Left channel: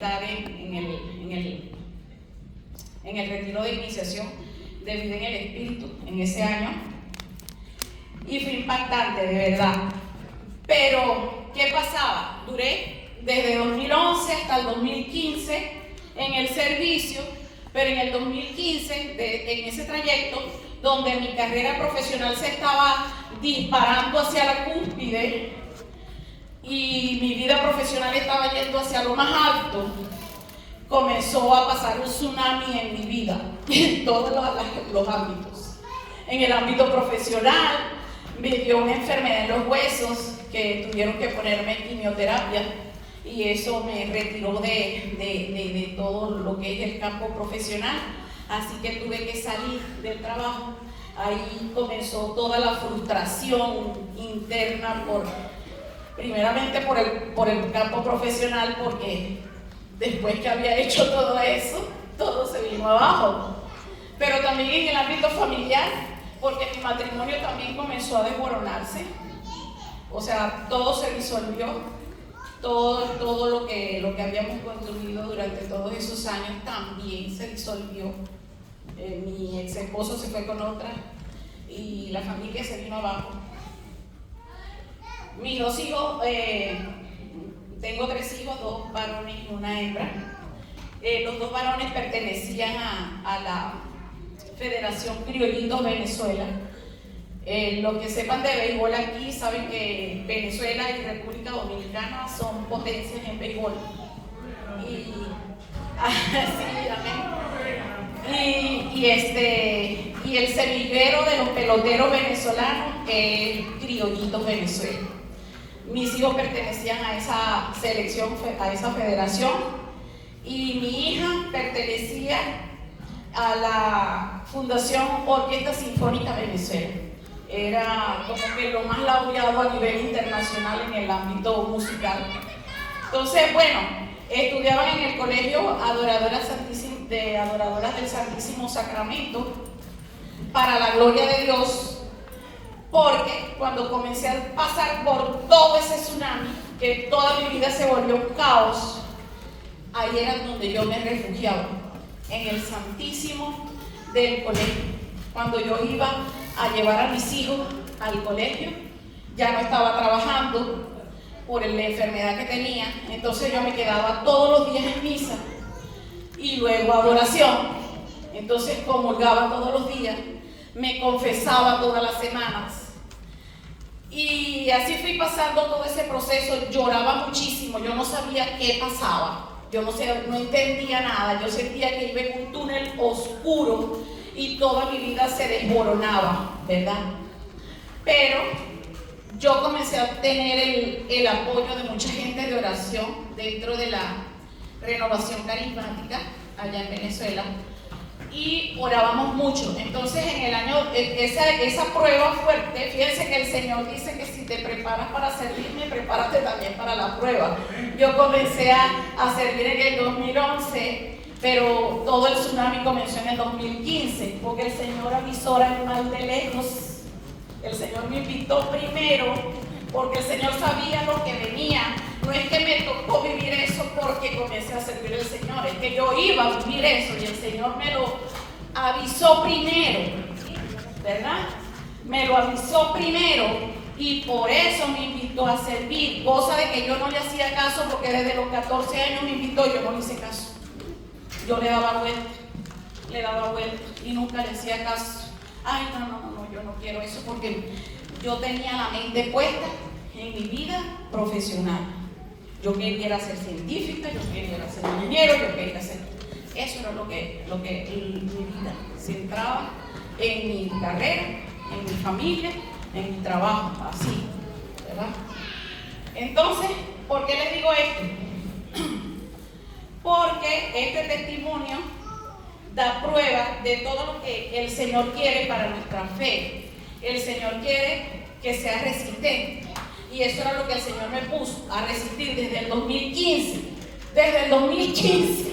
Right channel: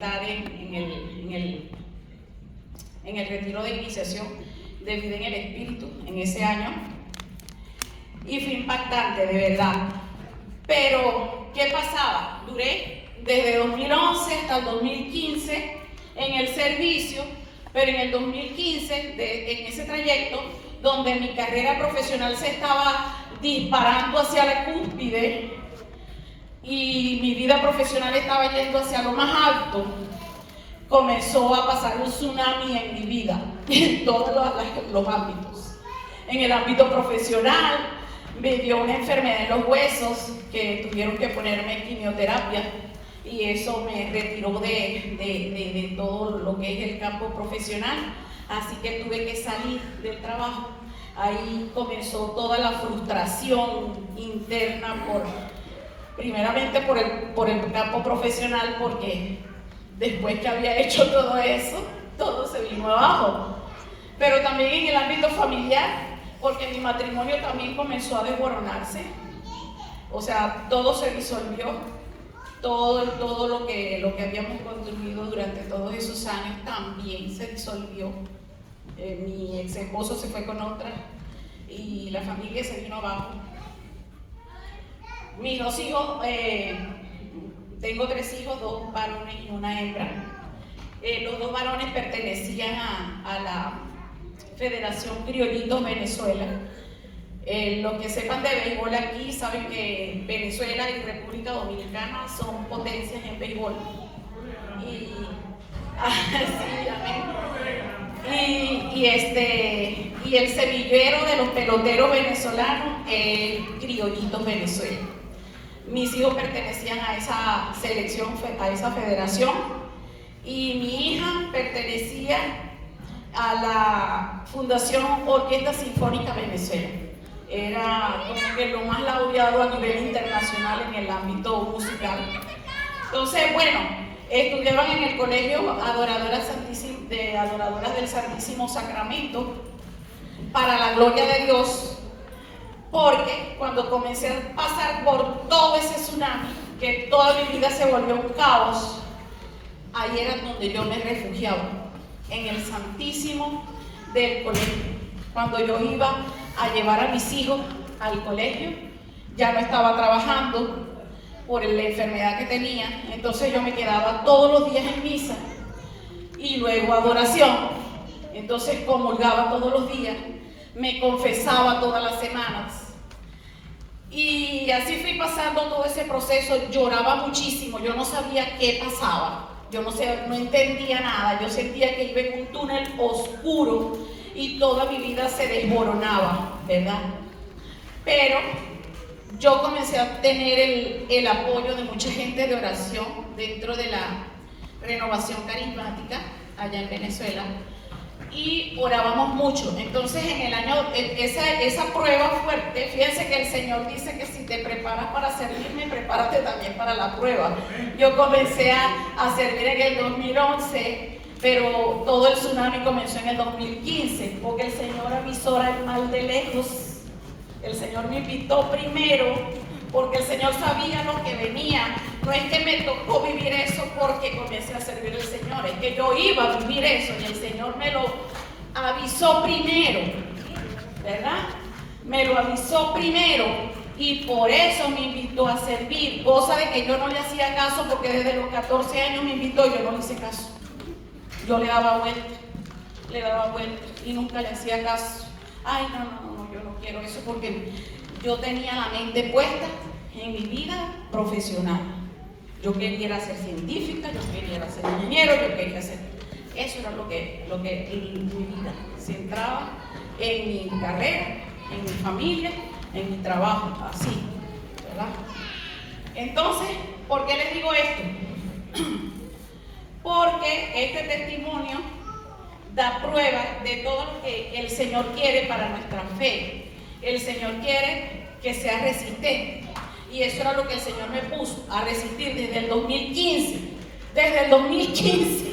estar en el retiro de iniciación de vida en el Espíritu en ese año, y fue impactante, de verdad. Pero, ¿qué pasaba? Duré desde 2011 hasta el 2015 en el servicio, pero en el 2015, en ese trayecto, donde mi carrera profesional se estaba disparando hacia la cúspide, y mi vida profesional estaba yendo hacia lo más alto, comenzó a pasar un tsunami en mi vida, en todos los ámbitos. En el ámbito profesional, me dio una enfermedad en los huesos que tuvieron que ponerme quimioterapia, y eso me retiró de todo lo que es el campo profesional, así que tuve que salir del trabajo. Ahí comenzó toda la frustración interna primeramente por el campo profesional, porque después que había hecho todo eso, todo se vino abajo. Pero también en el ámbito familiar, porque mi matrimonio también comenzó a desmoronarse. O sea, todo se disolvió, todo lo que habíamos construido durante todos esos años también se disolvió. Mi ex esposo se fue con otra y la familia se vino abajo. Mis dos hijos, tengo 3 hijos, 2 varones y una hembra. Los 2 varones pertenecían a la Federación Criollitos Venezuela. Los que sepan de béisbol aquí saben que Venezuela y República Dominicana son potencias en béisbol. Sí, amén. Y el semillero de los peloteros venezolanos es Criollitos Venezuela. Mis hijos pertenecían a esa selección, a esa federación, y mi hija pertenecía a la Fundación Orquesta Sinfónica Venezuela. Era como que lo más laureado a nivel internacional en el ámbito musical. Entonces, bueno, estudiaban en el colegio Adoradoras del Santísimo Sacramento, para la gloria de Dios. Porque cuando comencé a pasar por todo ese tsunami, que toda mi vida se volvió un caos, ahí era donde yo me refugiaba, en el Santísimo del colegio. Cuando yo iba a llevar a mis hijos al colegio, ya no estaba trabajando por la enfermedad que tenía, entonces yo me quedaba todos los días en misa y luego adoración. Entonces comulgaba todos los días, me confesaba todas las semanas, y así fui pasando todo ese proceso. Lloraba muchísimo, yo no sabía qué pasaba, yo no entendía nada, yo sentía que iba en un túnel oscuro y toda mi vida se desmoronaba, ¿verdad? Pero yo comencé a tener el apoyo de mucha gente de oración dentro de la Renovación Carismática allá en Venezuela, y orábamos mucho. Entonces, en el año, esa prueba fuerte, fíjense que el Señor dice que si te preparas para servirme, prepárate también para la prueba. Yo comencé a servir en el 2011, pero todo el tsunami comenzó en el 2015, porque el Señor avisora el mal de lejos. El Señor me invitó primero, porque el Señor sabía lo que venía. No es que me tocó vivir eso porque comencé a servir al Señor, es que yo iba a vivir eso y el Señor me lo avisó primero, ¿verdad? Me lo avisó primero, y por eso me invitó a servir, cosa de que yo no le hacía caso, porque desde los 14 años me invitó y yo no le hice caso. Yo le daba vuelta y nunca le hacía caso. Ay, no, yo no quiero eso, porque yo tenía la mente puesta en mi vida profesional. Yo quería ser científica, yo quería ser ingeniero, yo quería ser... Eso era lo que mi vida se centraba en mi carrera, en mi familia, en mi trabajo, así, ¿verdad? Entonces, ¿por qué les digo esto? Porque este testimonio da prueba de todo lo que el Señor quiere para nuestra fe. El Señor quiere que sea resistente. Y eso era lo que el Señor me puso a resistir desde el 2015. Desde el 2015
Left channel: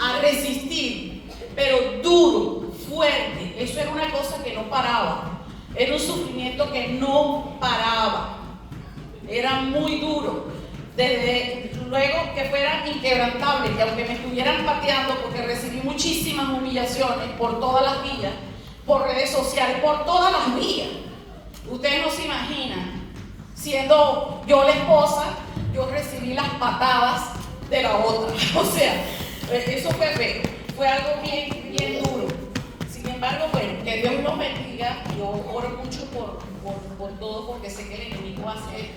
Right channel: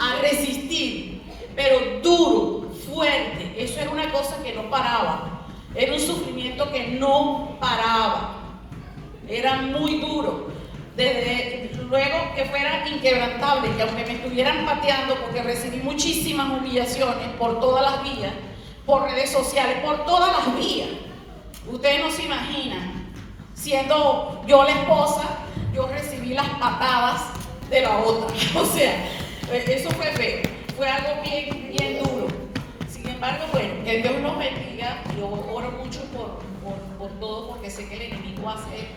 a resistir, pero duro, fuerte. Eso era una cosa que no paraba. Era un sufrimiento que no paraba. Era muy duro. Desde Luego que fuera inquebrantable, que aunque me estuvieran pateando, porque recibí muchísimas humillaciones por todas las vías, por redes sociales, por todas las vías. Ustedes no se imaginan, siendo yo la esposa, yo recibí las patadas de la otra. O sea, eso fue algo bien duro. Sin embargo, bueno, que Dios los bendiga. Yo oro mucho por todo, porque sé que el enemigo hace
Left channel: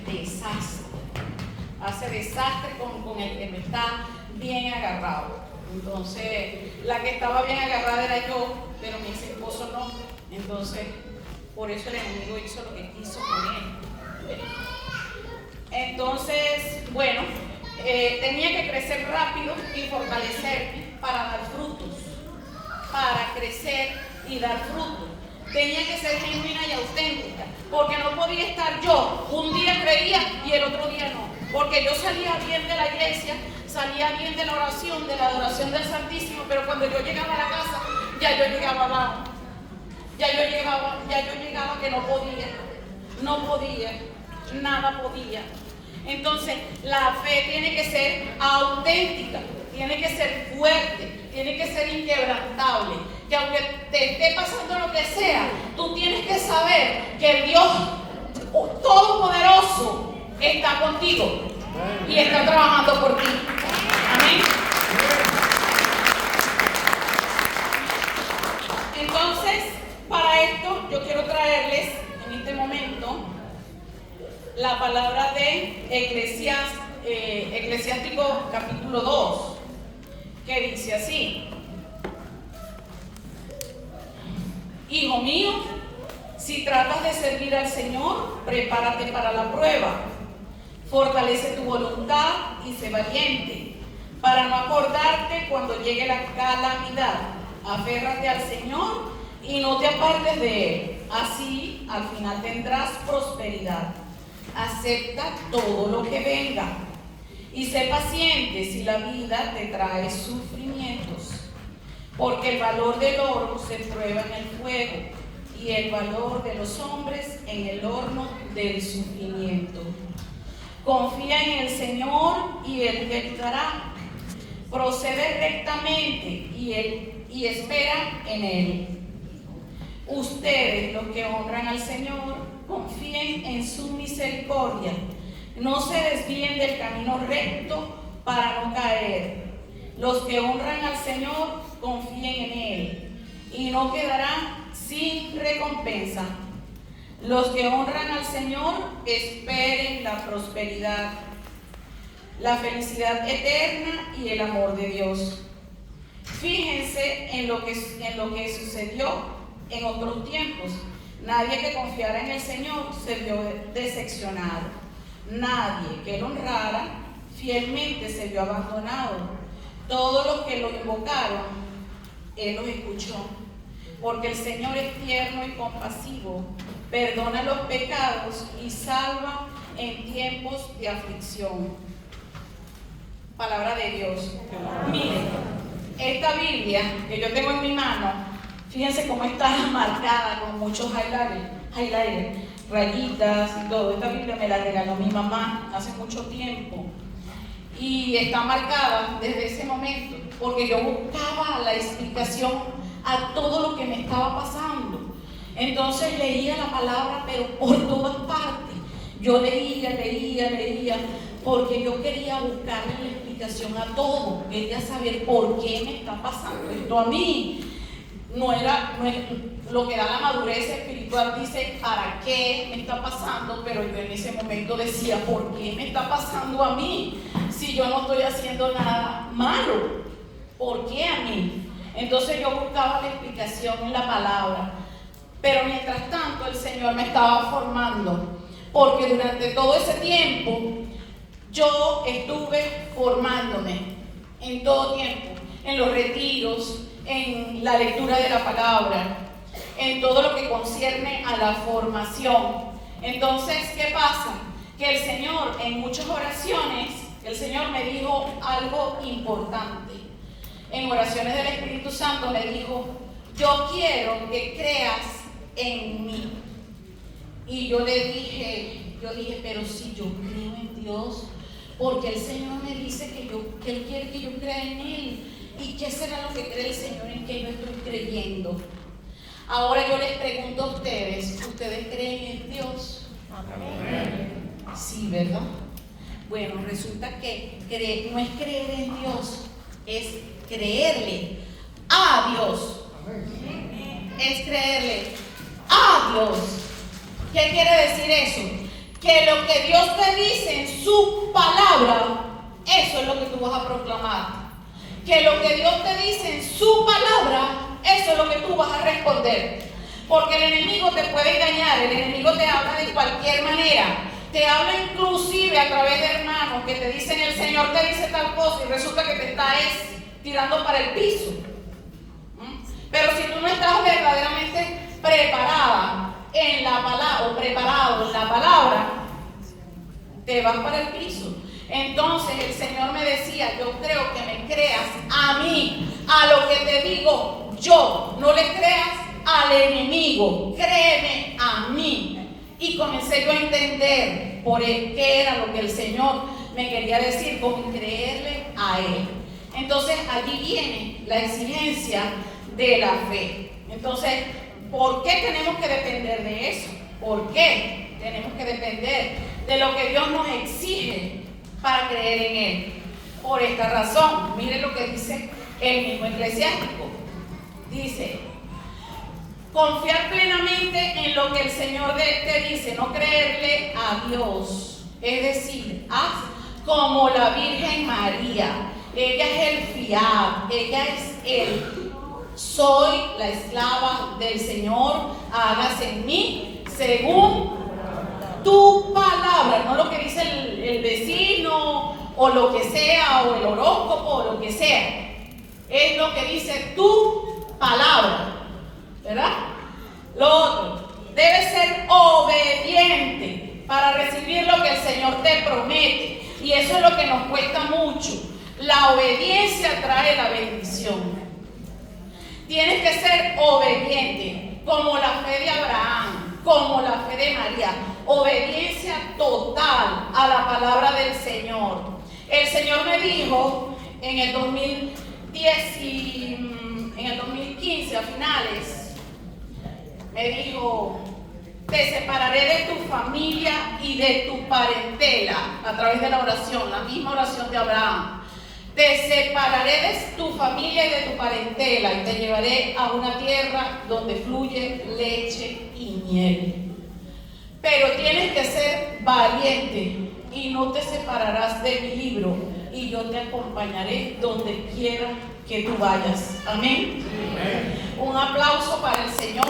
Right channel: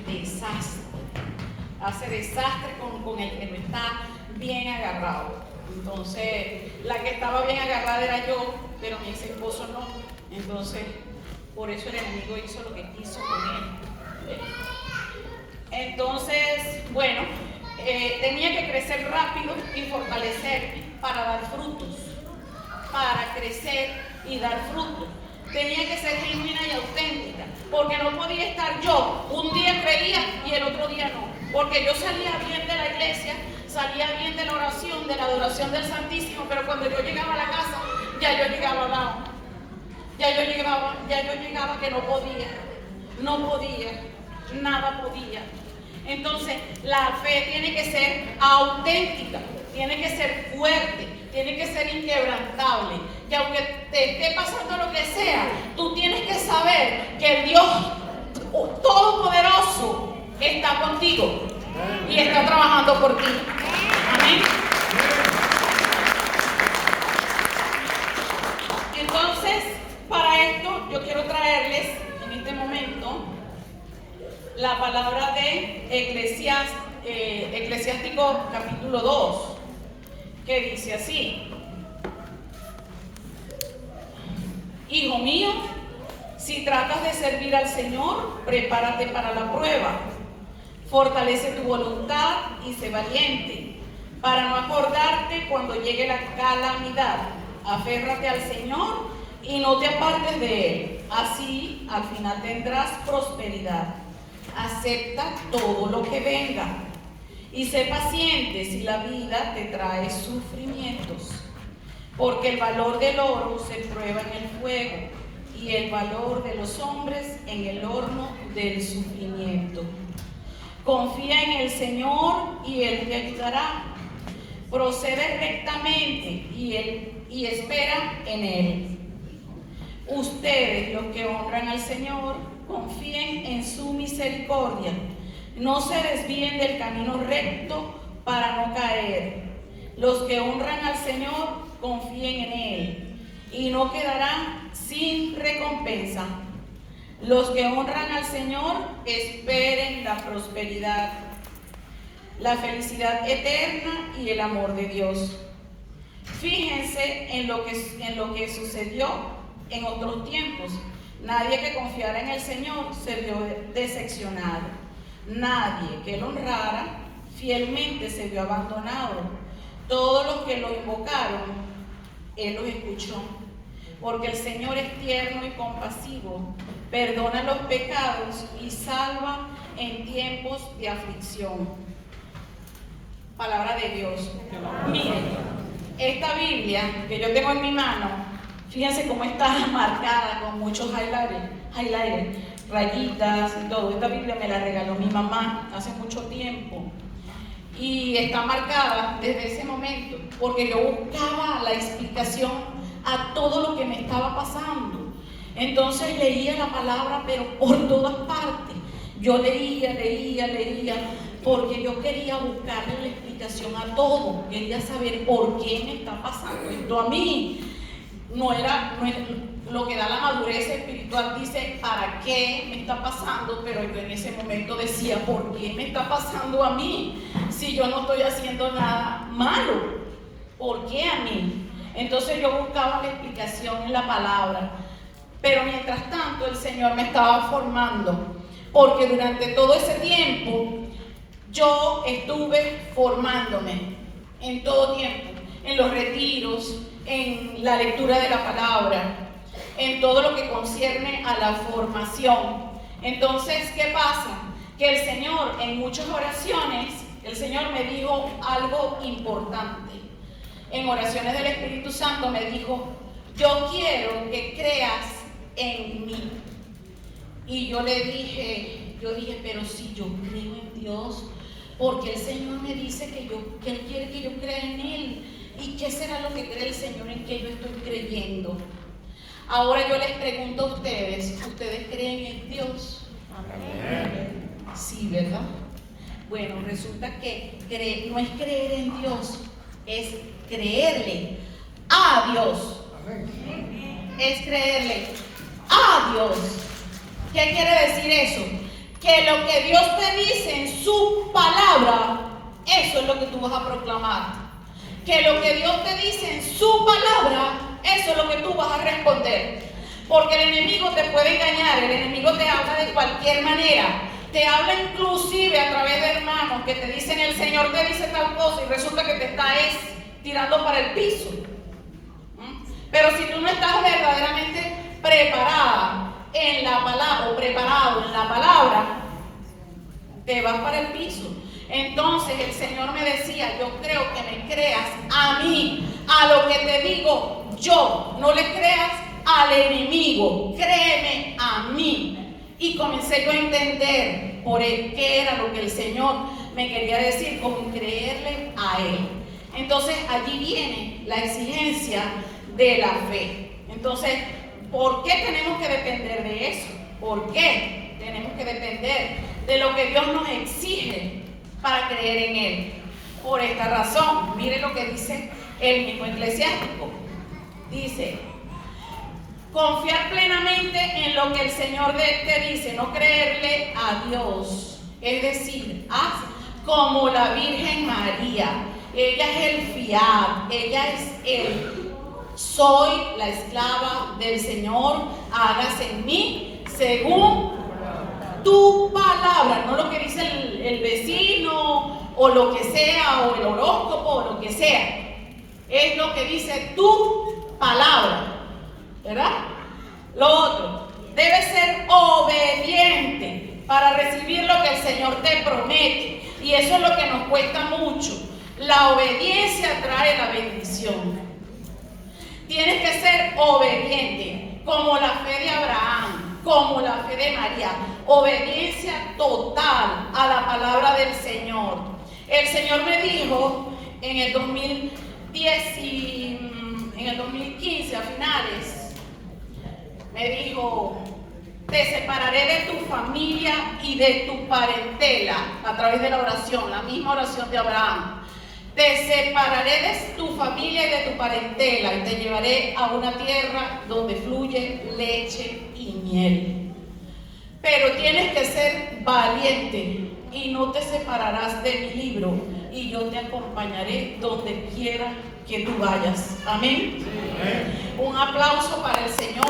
desastre con el que no está bien agarrado. Entonces, la que estaba bien agarrada era yo, pero mi ex esposo no. Entonces, por eso el enemigo hizo lo que quiso con él. Entonces, bueno, tenía que crecer rápido y fortalecerme para dar frutos, para crecer y dar frutos. Tenía que ser genuina y auténtica, porque no podía estar yo, un día creía y el otro día no, porque yo salía bien de la iglesia, salía bien de la oración, de la adoración del Santísimo, pero cuando yo llegaba a la casa, ya yo llegaba down, ya yo llegaba que no podía, nada podía. Entonces, la fe tiene que ser auténtica, tiene que ser fuerte, tiene que ser inquebrantable, que aunque te esté pasando lo que sea, tú tienes que saber que el Dios Todopoderoso está contigo y está trabajando por ti. Amén. Entonces, para esto yo quiero traerles en este momento la palabra de Eclesiástico capítulo 2, que dice así: Hijo mío, si tratas de servir al Señor, prepárate para la prueba. Fortalece tu voluntad y sé valiente, para no acordarte cuando llegue la calamidad. Aférrate al Señor y no te apartes de Él. Así, al final tendrás prosperidad. Acepta todo lo que venga y sé paciente si la vida te trae sufrimientos, porque el valor del oro se prueba en el fuego y el valor de los hombres en el horno del sufrimiento. Confía en el Señor y Él te ayudará. Procede rectamente y espera en Él. Ustedes, los que honran al Señor, confíen en su misericordia. No se desvíen del camino recto para no caer. Los que honran al Señor, confíen en Él y no quedarán sin recompensa. Los que honran al Señor, esperen la prosperidad, la felicidad eterna y el amor de Dios. Fíjense en lo que sucedió en otros tiempos. Nadie que confiara en el Señor se vio decepcionado. Nadie que lo honrara fielmente se vio abandonado. Todos los que lo invocaron, Él los escuchó. Porque el Señor es tierno y compasivo, perdona los pecados y salva en tiempos de aflicción. Palabra de Dios. Miren, esta Biblia que yo tengo en mi mano, fíjense cómo está marcada con muchos highlighters, rayitas y todo. Esta Biblia me la regaló mi mamá hace mucho tiempo y está marcada desde ese momento, porque yo buscaba la explicación a todo lo que me estaba pasando. Entonces leía la palabra, pero por todas partes. Yo leía, porque yo quería buscarle la explicación a todo. Quería saber por qué me está pasando esto a mí. No era lo que da la madurez espiritual, dice para qué me está pasando, pero yo en ese momento decía, ¿por qué me está pasando a mí? Si yo no estoy haciendo nada malo, ¿por qué a mí? Entonces yo buscaba la explicación en la palabra, pero mientras tanto el Señor me estaba formando, porque durante todo ese tiempo yo estuve formándome en todo tiempo, en los retiros, en la lectura de la palabra, en todo lo que concierne a la formación. Entonces, ¿qué pasa? Que el Señor, en muchas oraciones, el Señor me dijo algo importante. En oraciones del Espíritu Santo me dijo, yo quiero que creas en mí. Y yo dije, pero si yo creo en Dios, porque el Señor me dice que Él quiere que yo crea en Él. ¿Y qué será lo que cree el Señor en que yo estoy creyendo? Ahora yo les pregunto a ustedes, ¿ustedes creen en Dios? Amén. Sí, ¿verdad? Bueno, resulta que no es creer en Dios, es creerle a Dios. Es creerle a Dios. ¿Qué quiere decir eso? Que lo que Dios te dice en su palabra, eso es lo que tú vas a proclamar. Que lo que Dios te dice en su palabra, eso es lo que tú vas a responder. Porque el enemigo te puede engañar, el enemigo te habla de cualquier manera. Te habla inclusive a través de hermanos que te dicen, el Señor te dice tal cosa, y resulta que te está tirando para el piso. Pero si tú no estás verdaderamente preparada en la palabra, o preparado en la palabra, te vas para el piso. Entonces el Señor me decía, yo creo que me creas a mí, a lo que te digo yo, no le creas al enemigo, créeme a mí. Y comencé yo a entender qué era lo que el Señor me quería decir con creerle a Él. Entonces allí viene la exigencia de la fe. Entonces, ¿por qué tenemos que depender de eso? ¿Por qué tenemos que depender de lo que Dios nos exige para creer en Él? Por esta razón, miren lo que dice el mismo Eclesiástico. Dice, confiar plenamente en lo que el Señor te dice, no creerle a Dios. Es decir, haz como la Virgen María. Ella es el fiat, ella es el soy la esclava del Señor, hágase en mí según tu palabra, no lo que dice el vecino o lo que sea, o el horóscopo o lo que sea, es lo que dice tu palabra, ¿verdad? Lo otro, debes ser obediente para recibir lo que el Señor te promete, y eso es lo que nos cuesta mucho. La obediencia trae la bendición. Tienes que ser obediente, como la fe de Abraham, como la fe de María. Obediencia total a la palabra del Señor. El Señor me dijo en el 2015, a finales, me dijo, te separaré de tu familia y de tu parentela, a través de la oración, la misma oración de Abraham. Te separaré de tu familia y de tu parentela y te llevaré a una tierra donde fluye leche y miel. Pero tienes que ser valiente y no te separarás de mi libro, y yo te acompañaré donde quiera que tú vayas. Amén. Amén. Un aplauso para el Señor.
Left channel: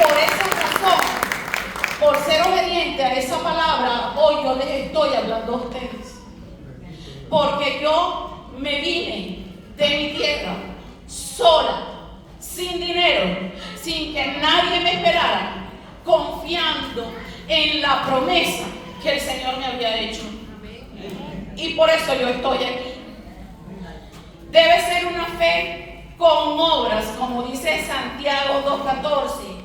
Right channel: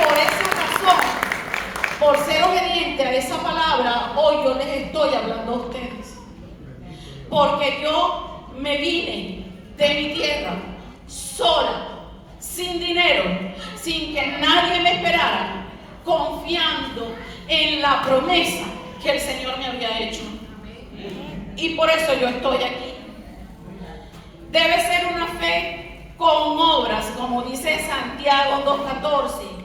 Por esa razón, por ser obediente a esa palabra, hoy yo les estoy hablando a ustedes. Porque yo me vine de mi tierra sola, sin dinero, sin que nadie me esperara, confiando en la promesa que el Señor me había hecho. Y por eso yo estoy aquí. Debe ser una fe con obras, como dice Santiago 2:14.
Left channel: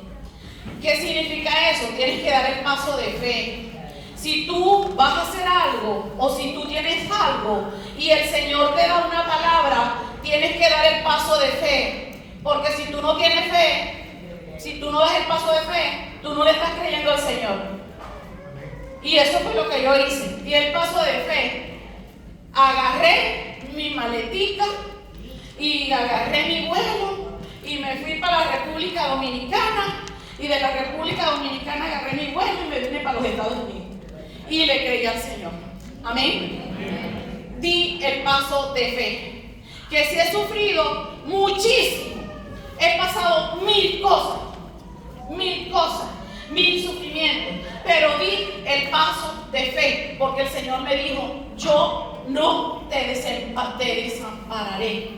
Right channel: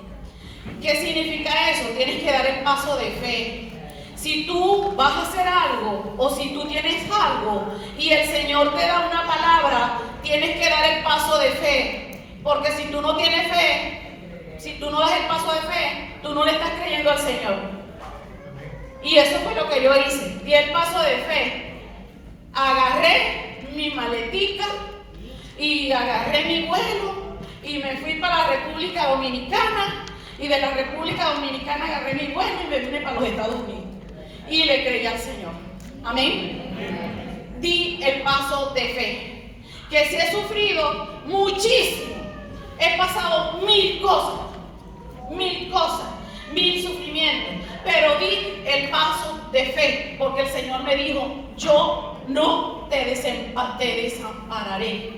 ¿Qué significa eso? Tienes que dar el paso de fe. Si tú vas a hacer algo, o si tú tienes algo y el Señor te da una palabra, tienes que dar el paso de fe. Porque si tú no tienes fe, si tú no das el paso de fe, tú no le estás creyendo al Señor. Y eso fue lo que yo hice. Di el paso de fe. Agarré mi maletica y agarré mi vuelo y me fui para la República Dominicana. Y de la República Dominicana agarré mi vuelo y me vine para los Estados Unidos. Y le creí al Señor. Amén. Di el paso de fe. Que si he sufrido muchísimo, he pasado mil cosas, mil sufrimientos, pero di el paso de fe, porque el Señor me dijo, yo no te desampararé.